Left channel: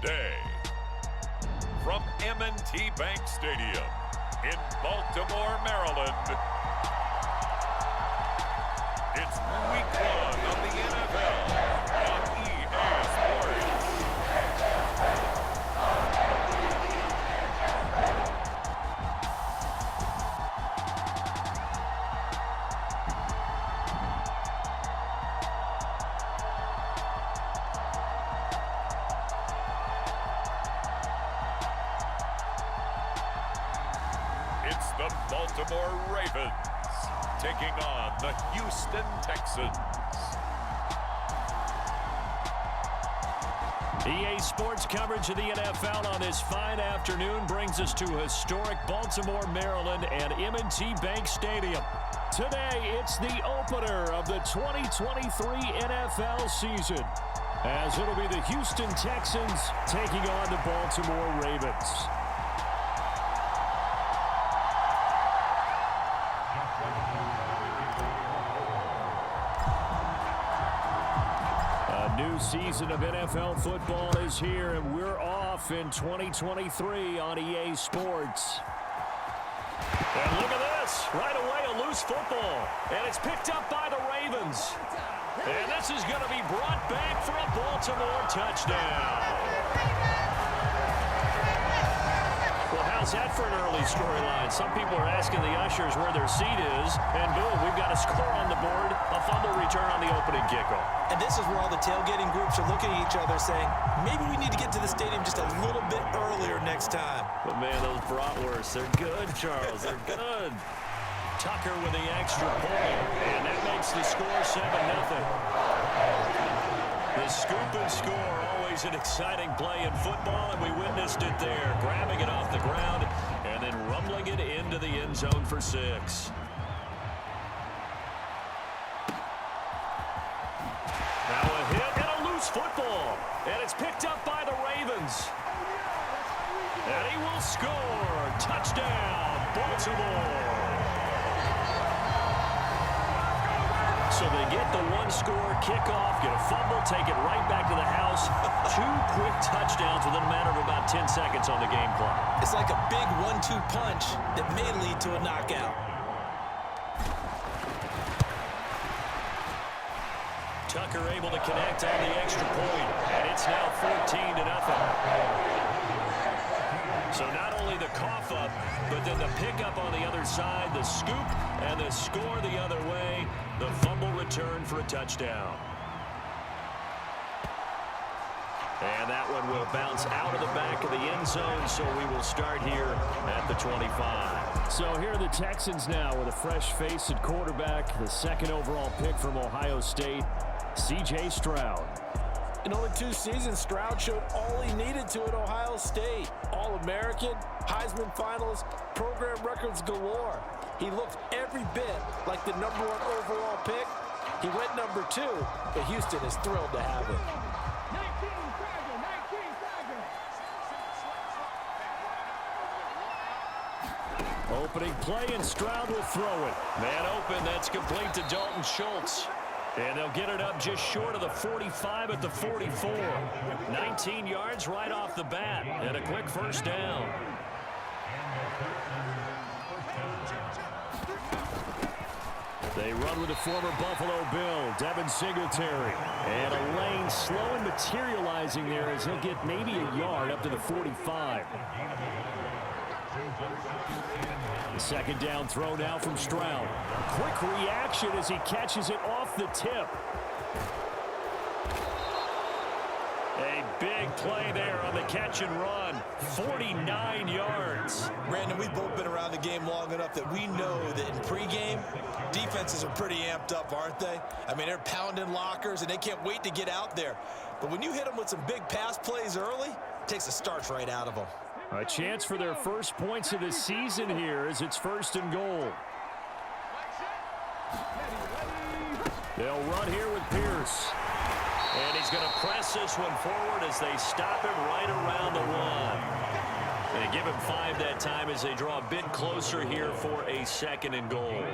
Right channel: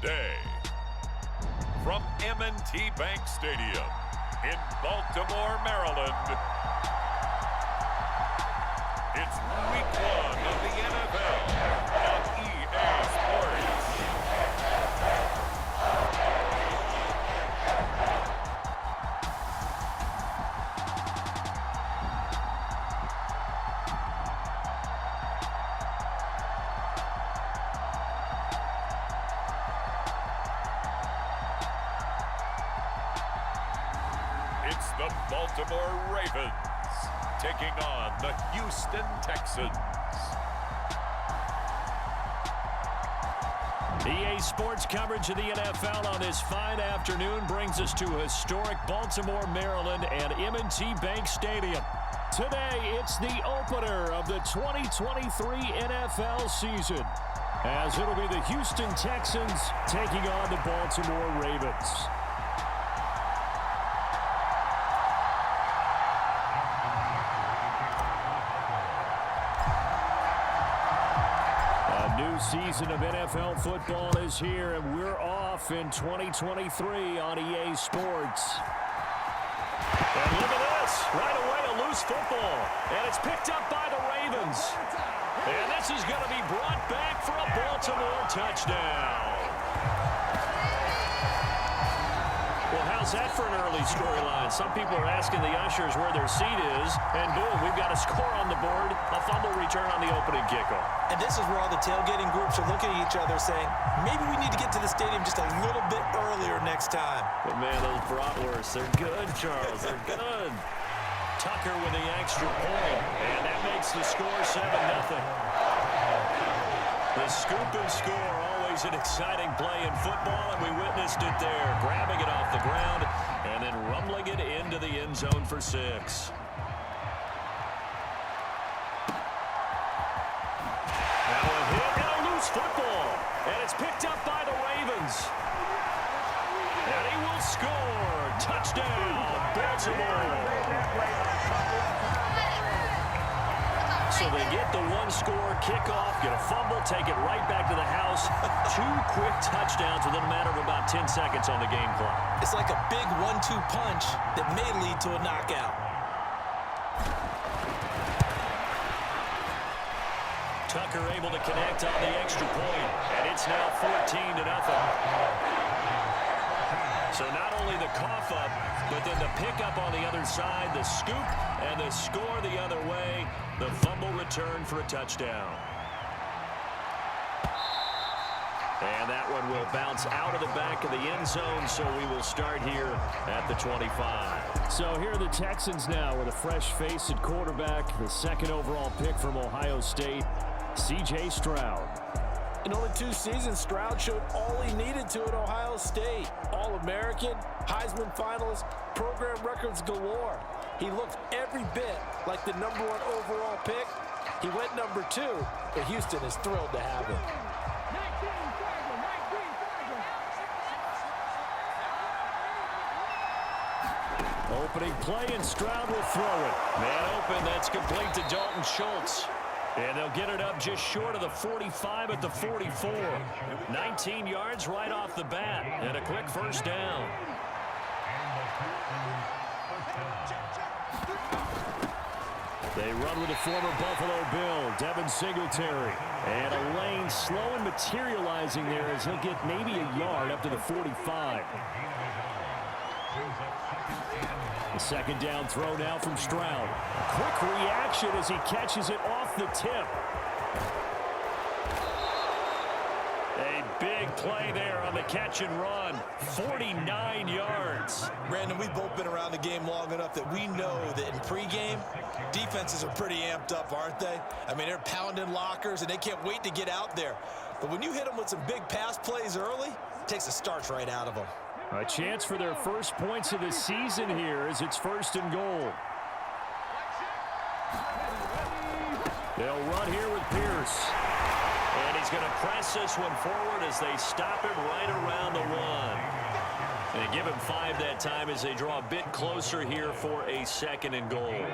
today. From M&T Bank Stadium in Baltimore, Maryland, it's Week 1 of the NFL on EA Sports. It's the Baltimore Ravens taking on the Houston Texans. EA Sports coverage of the NFL on this fine afternoon brings us to historic Baltimore, Maryland and M&T Bank Stadium. Today, it's the opener of the 2023 NFL season, as it'll be the Houston Texans taking on the Baltimore Ravens. New season of NFL football is here, and we're off in 2023 on EA Sports. And look at this. Right away, a loose football. And it's picked up by the Ravens. And this is going to be brought back for a Baltimore touchdown. Well, how's that for an early storyline? Some people are asking the ushers where their seat is, and boom, we've got a score on the board, a fumble return on the opening kickoff. And this is where all the tailgating groups are looking at each other saying, maybe we need to get to the stadium just a little bit earlier next time. But man, those bratwursts, they're good, Charles, they're good. Tucker with the extra point, and that makes the score 7-0. The scoop and score, always an exciting play in football, and we witnessed it there, grabbing it off the ground and then rumbling it into the end zone for 6. Now a hit and a loose football, and it's picked up by the Ravens. And he will score. Touchdown, Baltimore. So they get the one-score kickoff, get a fumble, take it right back to the house. 2 quick touchdowns within a matter of about 10 seconds on the game clock. It's like a big 1-2 punch that may lead to a knockout. Tucker able to connect on the extra point, and it's now 14-0. So not only the cough up, but then the pickup on the other side, the scoop, and the score the other way. The fumble return for a touchdown. And that one will bounce out of the back of the end zone, so we will start here at the 25. So here are the Texans now with a fresh face at quarterback, the second overall pick from Ohio State, C.J. Stroud. In only 2 seasons, Stroud showed all he needed to at Ohio State. All-American, Heisman finalist, program records galore. He looked every bit like the #1 overall pick. He went #2, but Houston is thrilled to have him. Opening play, and Stroud will throw it. Man open, that's complete to Dalton Schultz. And they'll get it up just short of the 45 at the 44. 19 yards right off the bat, and a quick first down. They run with the former Buffalo Bill, Devin Singletary. And a lane slow and materializing there as he'll get maybe a yard up to the 45. The second down throw now from Stroud. Quick reaction as he catches it off the tip. A big play there on the catch and run. 49 yards. Brandon, we've both been around the game long enough that we know that in pregame, defenses are pretty amped up, aren't they? I mean, they're pounding lockers, and they can't wait to get out there. But when you hit them with some big pass plays early, it takes the starch right out of them. A chance for their first points of the season here as it's 1st and goal. They'll run here with Pierce. And he's going to press this one forward as they stop him right around the 1. And they give him 5 that time as they draw a bit closer here for a 2nd and goal.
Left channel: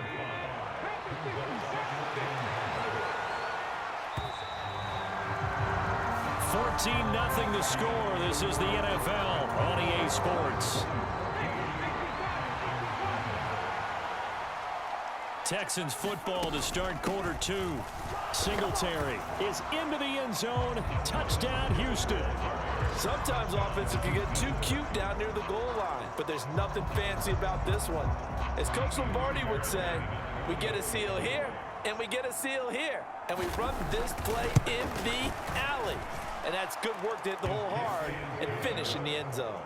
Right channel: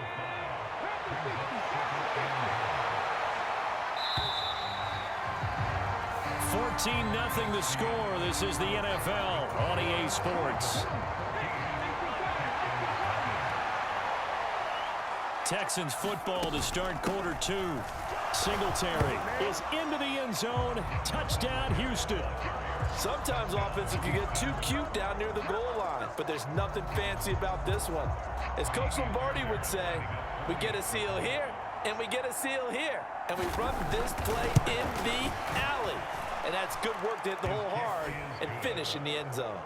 14-0 the score. This is the NFL on EA Sports. Texans football to start quarter 2. Singletary is into the end zone. Touchdown, Houston. Sometimes offenses can get too cute down near the goal line, but there's nothing fancy about this one. As Coach Lombardi would say, we get a seal here, and we get a seal here, and we run this play in the alley. And that's good work to hit the hole hard and finish in the end zone.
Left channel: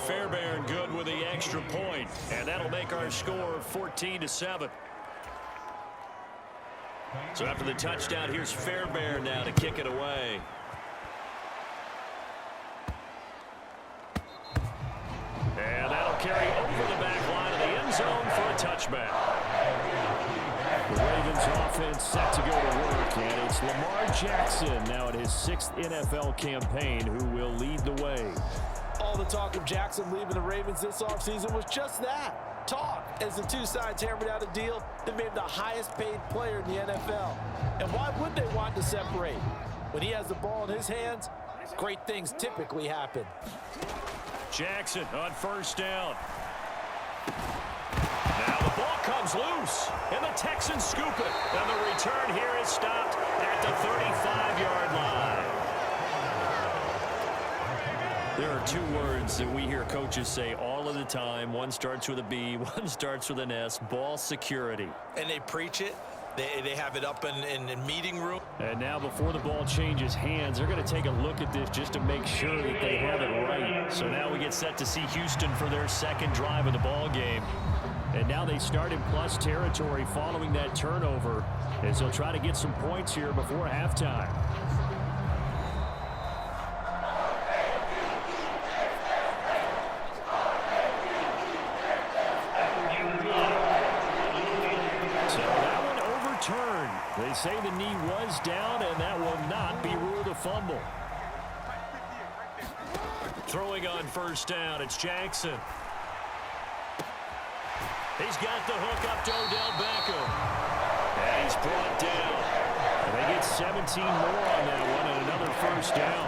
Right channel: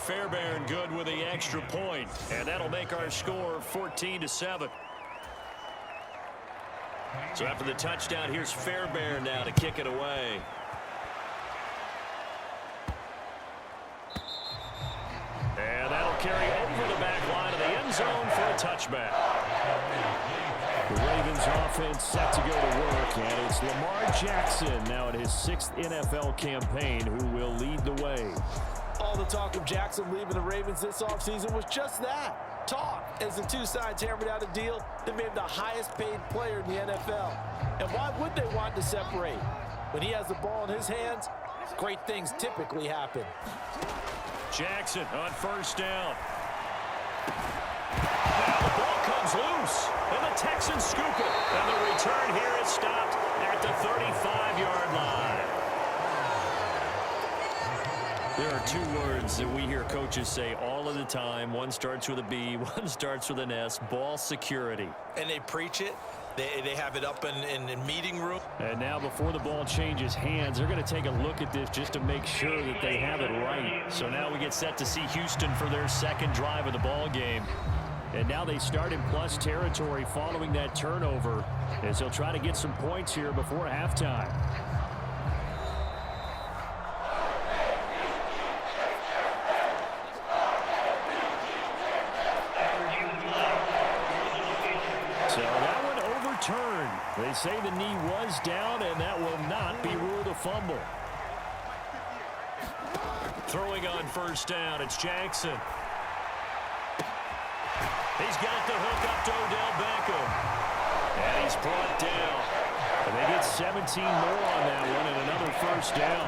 Fairbairn good with the extra point, and that'll make our score 14-7. So after the touchdown, here's Fairbairn now to kick it away. And that'll carry over the back line of the end zone for a touchback. The Ravens offense set to go to work, and it's Lamar Jackson now in his 6th NFL campaign who will lead the way. All the talk of Jackson leaving the Ravens this offseason was just that, talk, as the two sides hammered out a deal that made him the highest paid player in the NFL. And why would they want to separate? When he has the ball in his hands, great things typically happen. Jackson on first down. Now the ball comes loose, and the Texans scoop it. And the return here is stopped at the 35-yard line. There are two words that we hear coaches say all of the time. One starts with a B, one starts with an S, ball security. And they preach it. They have it up in the meeting room. And now before the ball changes hands, they're going to take a look at this just to make sure that they have it right. So now we get set to see Houston for their second drive of the ball game. And now they start in plus territory following that turnover as they'll try to get some points here before halftime. So that one overturned. They say the knee was down, and that will not be ruled a fumble. Throwing on first down, it's Jackson. He's got the hook up to Odell Beckham. And he's brought down. And they get 17 more on that one and another first down.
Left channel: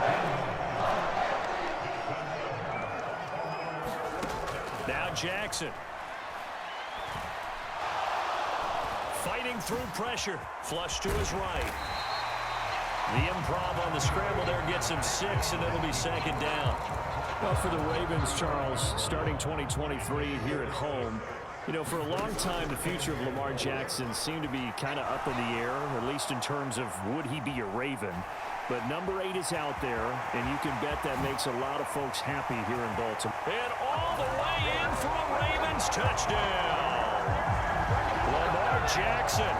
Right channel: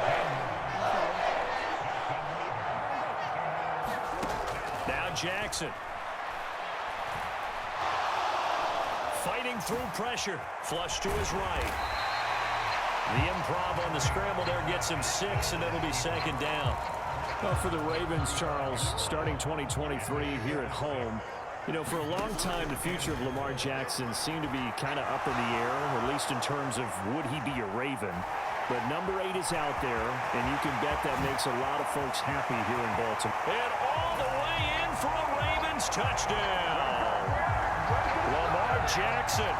Now Jackson. Fighting through pressure. Flush to his right. The improv on the scramble there gets him 6, and it'll be second down. Well, for the Ravens, Charles, starting 2023 here at home, you know, for a long time, the future of Lamar Jackson seemed to be kind of up in the air, at least in terms of would he be a Raven. But number 8 is out there, and you can bet that makes a lot of folks happy here in Baltimore. And all the way in for a Ravens touchdown. Lamar Jackson,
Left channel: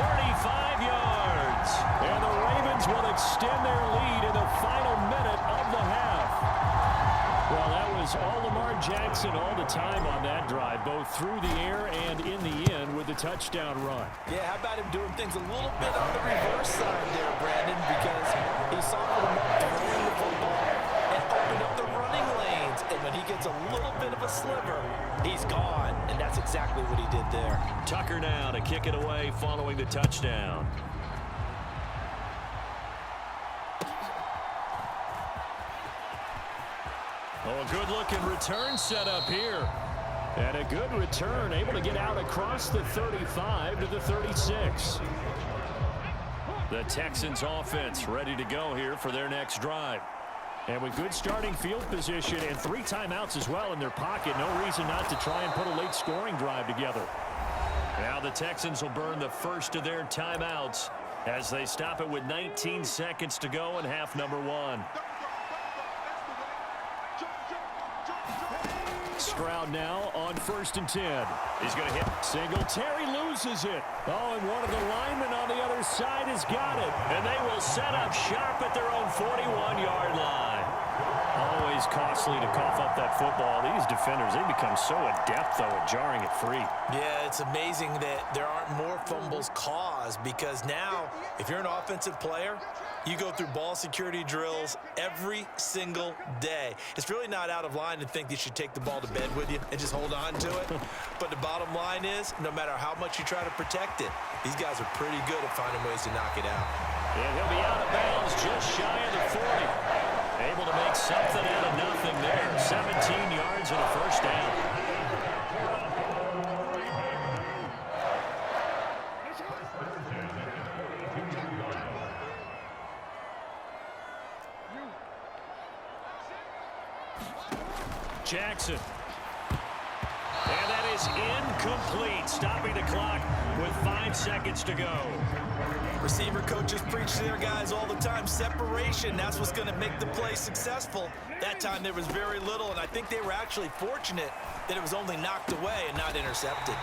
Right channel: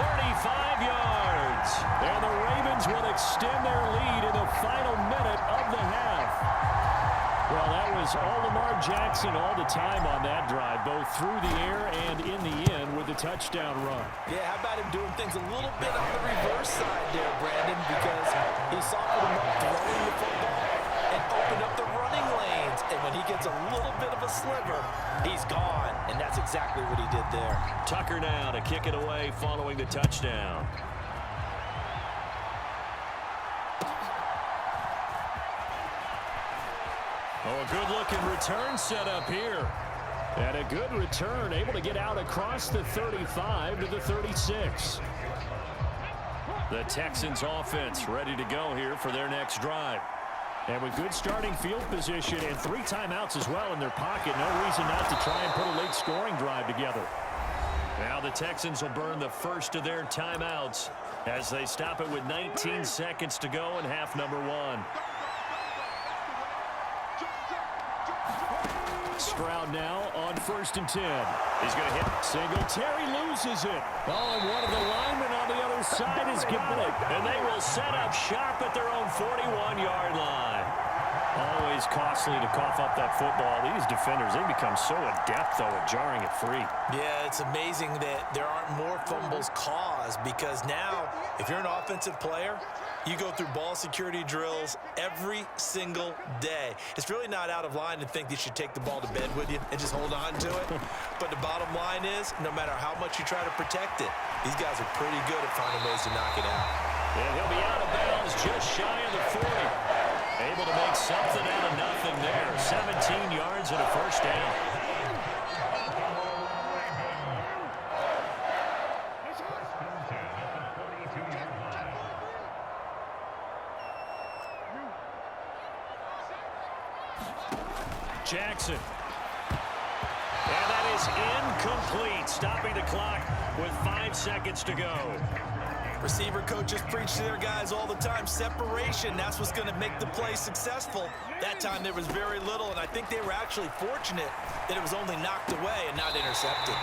35 yards. And the Ravens will extend their lead in the final minute of the half. Well, that was all Lamar Jackson all the time on that drive, both through the air and in the end with the touchdown run. Yeah, how about him doing things a little bit on the reverse side there, Brandon, because he softened him up throwing the football and opened up the running lanes. And when he gets a little bit of a sliver, he's gone. And that's exactly what he did there. Tucker now to kick it away following the touchdown. Oh, a good-looking return set up here. And a good return, able to get out across the 35 to the 36. The Texans offense ready to go here for their next drive. And with good starting field position and 3 timeouts as well in their pocket, no reason not to try and put a late scoring drive together. Now the Texans will burn the first of their timeouts as they stop it with 19 seconds to go in half number 1. Stroud now on 1st and 10. He's going to hit. Singletary loses it. Oh, and one of the linemen on the other side has got it. And they will set up shop at their own 41-yard line. Always costly to cough up that football. These defenders, they become so adept, though, at jarring it free. Yeah, it's amazing that there aren't more fumbles caused because now, if you're an offensive player, you go through ball security drills every single day. It's really not out of line to think you should take the ball to bed with you and just hold on to it. But the bottom line is, no matter how much you try to protect it, these guys are pretty good at finding ways to knock it out. And he'll be out of bounds just shy of the 40. Able to make something out of nothing there. 17 yards and a first down. Jackson. And that is incomplete, stopping the clock with 5 seconds to go. Receiver coaches preach to their guys all the time. Separation, that's what's going to make the play successful. That time there was very little, and I think they were actually fortunate that it was only knocked away and not intercepted.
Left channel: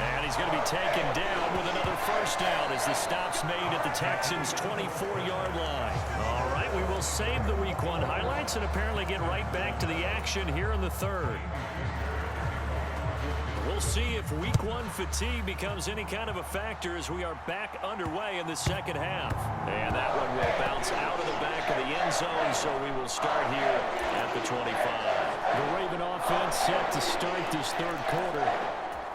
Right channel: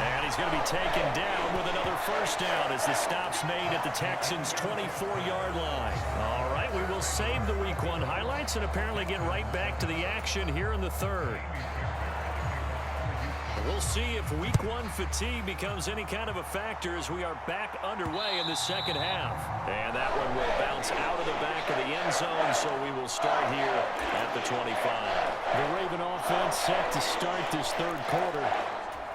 And he's going to be taken down with another first down as the stop's made at the Texans' 24-yard line. All right, we will save the Week 1 highlights and apparently get right back to the action here in the third. We'll see if Week 1 fatigue becomes any kind of a factor as we are back underway in the second half. And that one will bounce out of the back of the end zone, so we will start here at the 25. The Raven offense set to start this third quarter.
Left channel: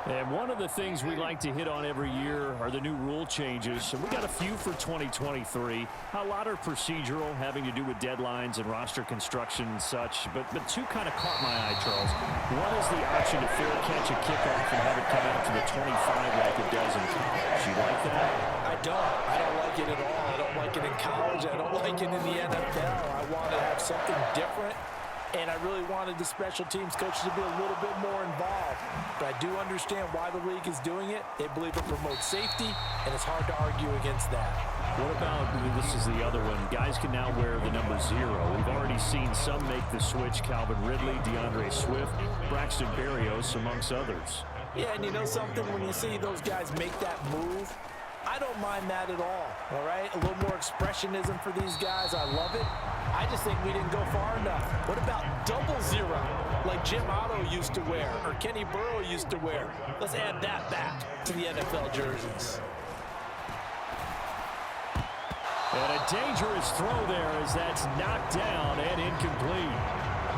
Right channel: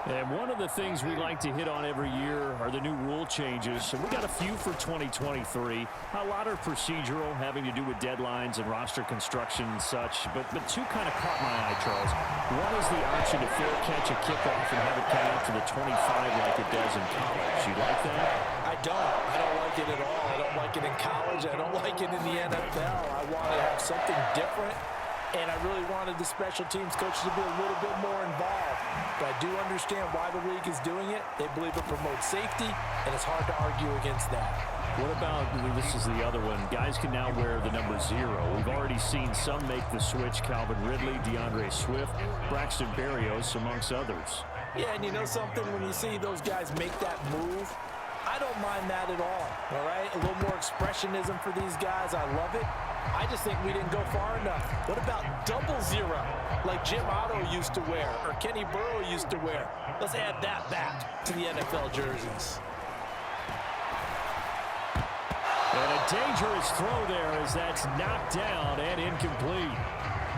And one of the things we like to hit on every year are the new rule changes. And we got a few for 2023. A lot are procedural, having to do with deadlines and roster construction and such. But two kind of caught my eye, Charles. One is the option to fair catch a kickoff and have it come out to the 25 like it does in college. You like that? I don't like it at all. I don't like it in college. I don't like it in the NFL. I want to have something different. And I really wanted the special teams coaches to be a little bit more involved. But I do understand why the league is doing it. They believe it promotes safety, and it's hard to argue against that. What about, this is the other one, guys can now wear the number 0. We've already seen some make the switch. Calvin Ridley, DeAndre Swift, Braxton Berrios, amongst others. Yeah, and you know something? When you see those guys make that move, I don't mind that at all right? A little more expressionism for these guys. I love it. I just think we didn't go far enough. What about 00, like Jim Otto used to wear or Kenny Burrow used to wear? Let's add that back to the NFL jerseys. And a dangerous throw there as that's knocked down and incomplete.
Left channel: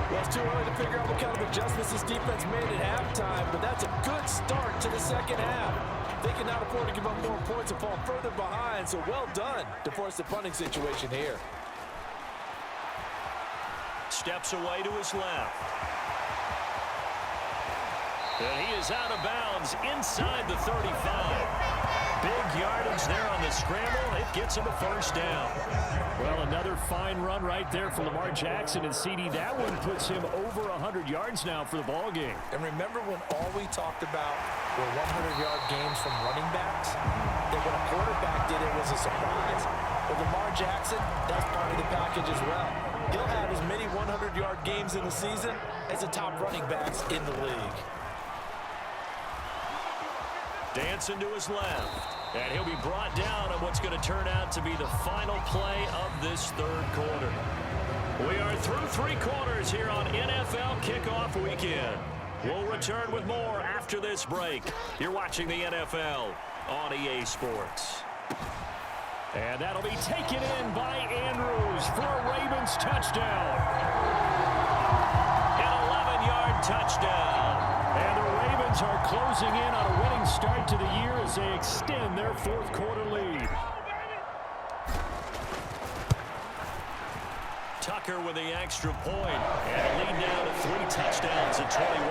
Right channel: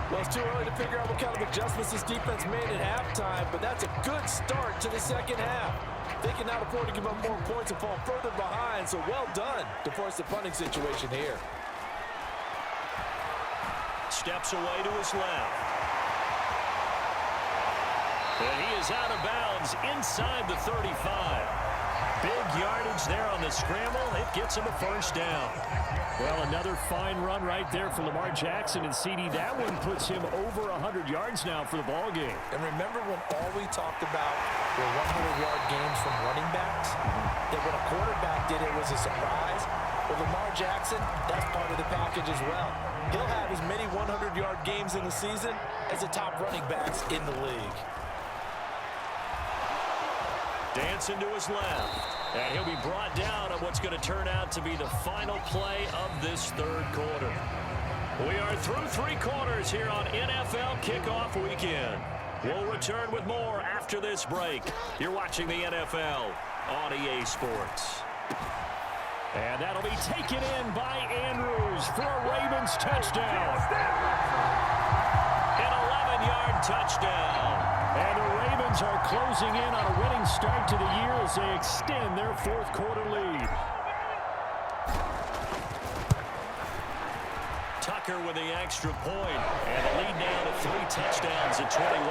Well, it's too early to figure out what kind of adjustments this defense made at halftime, but that's a good start to the second half. They can now afford to give up more points and fall further behind, so well done to force the punting situation here. Steps away to his left. And he is out of bounds inside the 35. Big yardage there on the scramble. It gets him a first down. Well, another fine run right there for Lamar Jackson and CD. That one puts him over 100 yards now for the ball game. And remember when all we talked about were 100-yard games from running backs? That when a quarterback did it was a surprise? Well, Lamar Jackson, that's part of the package as well. He'll have as many 100-yard games in the season as the top running backs in the league. Dancing to his left. And he'll be brought down on what's going to turn out to be the final play of this third quarter. We are through 3 quarters here on NFL Kickoff Weekend. We'll return with more after this break. You're watching the NFL on EA Sports. And that'll be taken in by Andrews for a Ravens touchdown. An 11-yard touchdown. And the Ravens are closing in on a winning start to the year as they extend their fourth quarter lead. Tucker with the extra point, and the lead now to 3 touchdowns at 21.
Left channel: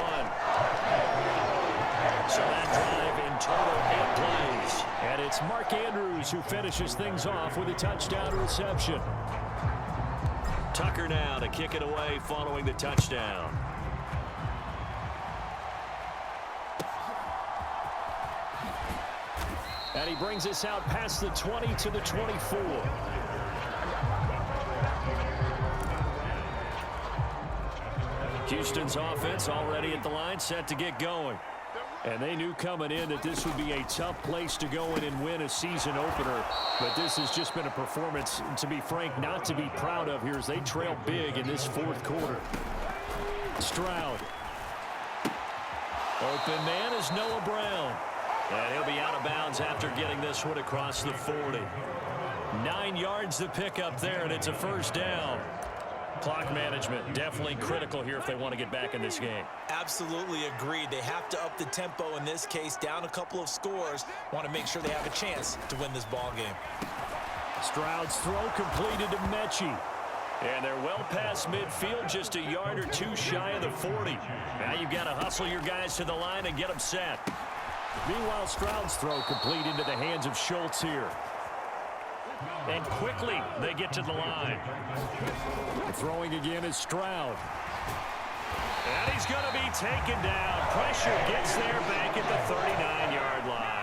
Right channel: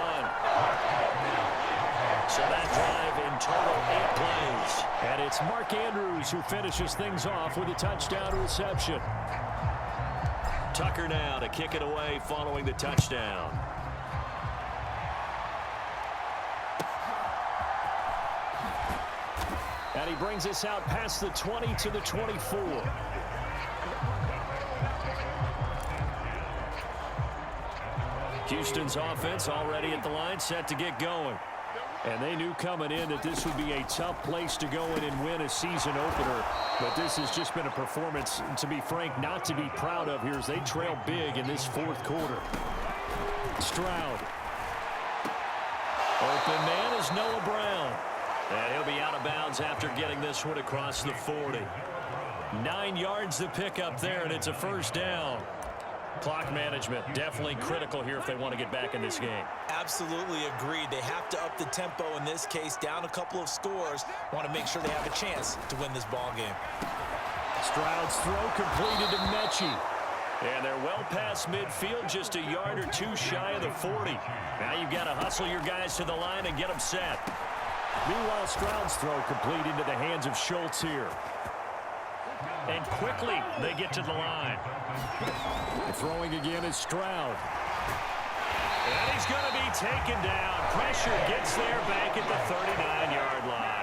So that drive in total 8 plays. And it's Mark Andrews who finishes things off with a touchdown reception. Tucker now to kick it away following the touchdown. And he brings us out past the 20 to the 24. Houston's offense already at the line, set to get going. And they knew coming in that this would be a tough place to go in and win a season opener. But this has just been a performance, to be frank, not to be proud of here as they trail big in this fourth quarter. Stroud. Open man is Noah Brown. And he'll be out of bounds after getting this one across the 40. 9 yards to pick up there, and it's a first down. Clock management definitely critical here if they want to get back in this game. Absolutely agreed. They have to up the tempo in this case, down a couple of scores. Want to make sure they have a chance to win this ball game. Stroud's throw completed to Mechie. And they're well past midfield, just a yard or two shy of the 40. Now you've got to hustle your guys to the line and get them set. Meanwhile, Stroud's throw complete into the hands of Schultz here. And quickly they get to the line. Throwing again is Stroud. And he's going to be taken down. Pressure gets there back at the 39-yard line.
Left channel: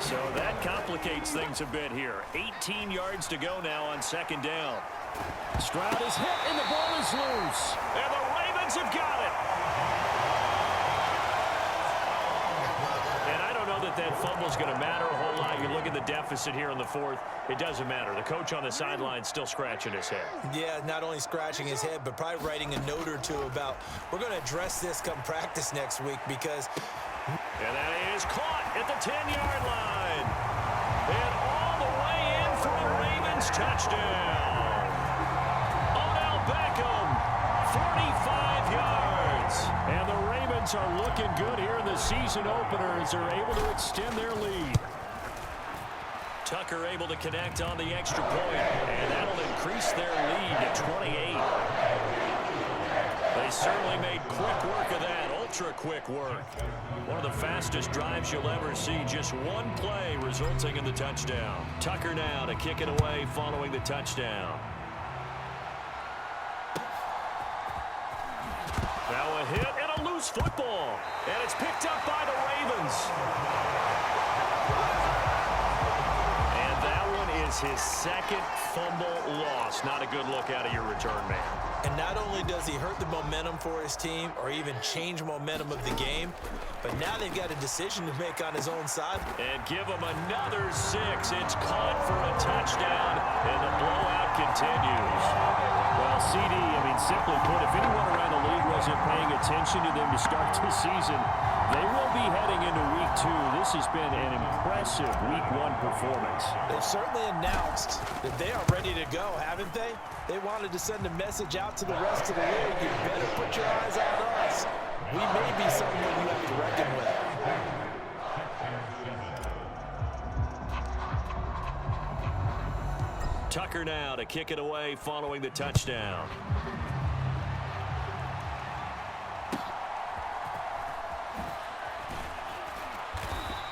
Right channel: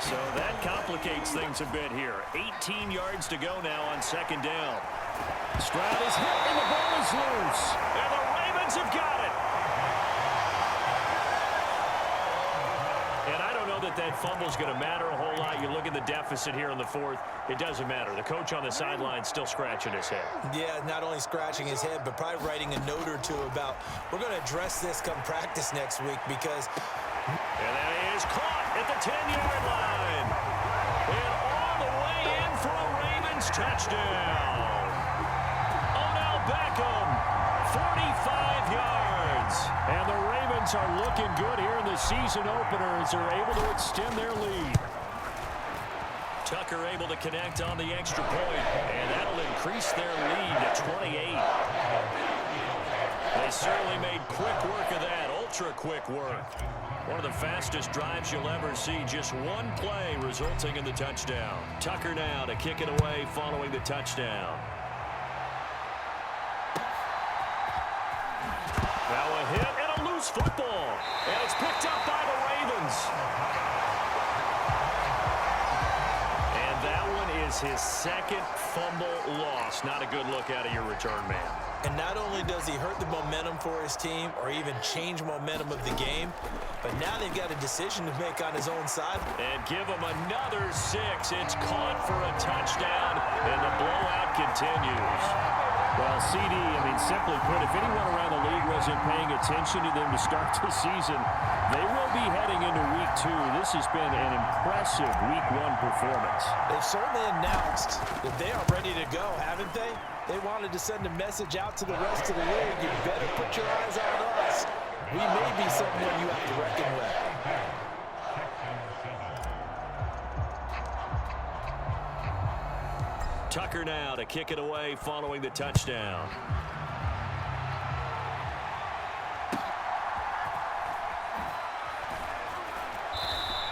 So that complicates things a bit here. 18 yards to go now on second down. Stroud is hit and the ball is loose. And the Ravens have got it. And I don't know that fumble is going to matter a whole lot. You look at the deficit here in the fourth. It doesn't matter. The coach on the sideline still scratching his head. Yeah, not only scratching his head, but probably writing a note or two about, we're going to address this come practice next week because... And that is caught at the 10-yard line. And all the way in for a Ravens touchdown. Beckham, 45 yards. And the Ravens are looking good here in the season opener as they're able to extend their lead. Tucker able to connect on the extra point, and that'll increase their lead to 28. They certainly made quick work of that, ultra quick work. One of the fastest drives you'll ever see, just one play resulting in the touchdown. Tucker now to kick it away following the touchdown. Now a hit and a loose football. And it's picked up by the Ravens. And that one is his second fumble loss. Not a good look out of your return man. And not only does he hurt the momentum for his team or even change momentum of the game, but now they've got a decision to make on his own side. And give him another 6. It's caught for a touchdown, and the blowout continues. Well, CD, simply put, if anyone around the league wasn't paying attention to them to start the season, they will be heading into week 2. This has been an impressive week 1 performance. They've certainly announced that they are ready to go, haven't they? They wanted to send a message out to the rest of the league. You better put your eyes on us. We may be someone you have to reckon with. Tucker now to kick it away following the touchdown.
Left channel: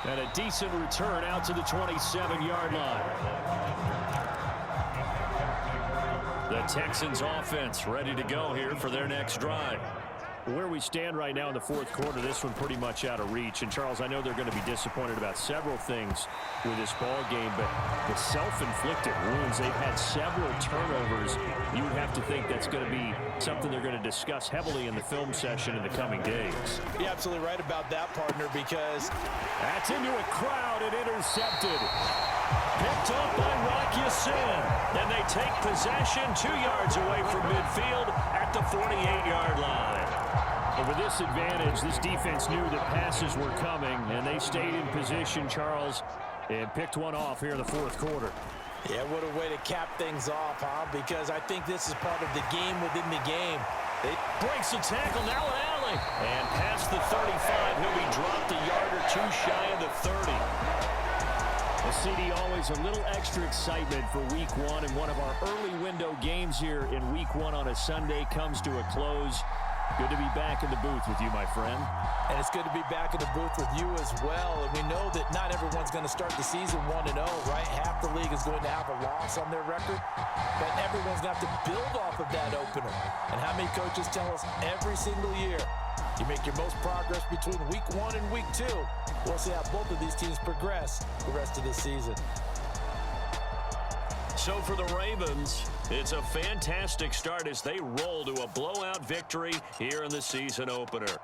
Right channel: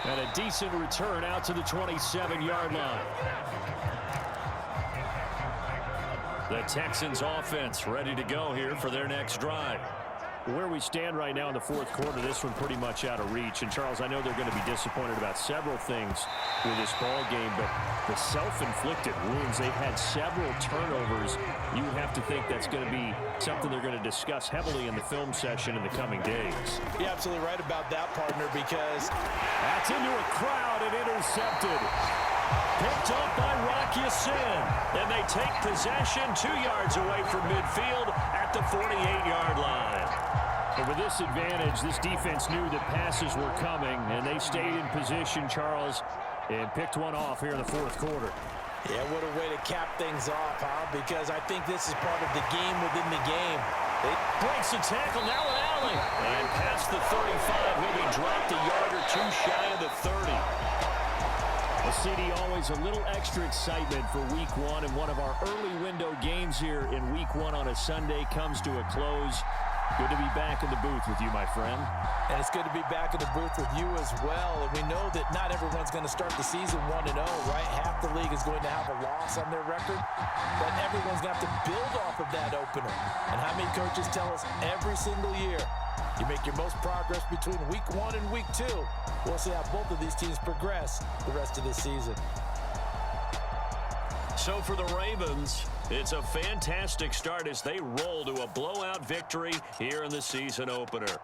And a decent return out to the 27-yard line. The Texans offense ready to go here for their next drive. Where we stand right now in the fourth quarter, this one pretty much out of reach. And, Charles, I know they're going to be disappointed about several things with this ball game, but the self-inflicted wounds, they've had several turnovers. You would have to think that's going to be something they're going to discuss heavily in the film session in the coming days. You're absolutely right about that, partner, because that's into a crowd and intercepted. Picked off by Rock Ya-Sin. And they take possession 2 yards away from midfield at the 48-yard line. But with this advantage, this defense knew that passes were coming, and they stayed in position, Charles, and picked one off here in the fourth quarter. Yeah, what a way to cap things off, huh? Because I think this is part of the game within the game. They breaks the tackle, now an alley. And past the 35, he'll be dropped a yard or two shy of the 30. The CD, always a little extra excitement for week 1, and one of our early window games here in week 1 on a Sunday comes to a close. Good to be back in the booth with you, my friend. And it's good to be back in the booth with you as well. And we know that not everyone's going to start the season 1-0, right? Half the league is going to have a loss on their record. But everyone's going to have to build off of that opener. And how many coaches tell us every single year, you make your most progress between week 1 and week 2. We'll see how both of these teams progress the rest of this season. So for the Ravens, it's a fantastic start as they roll to a blowout victory here in the season opener.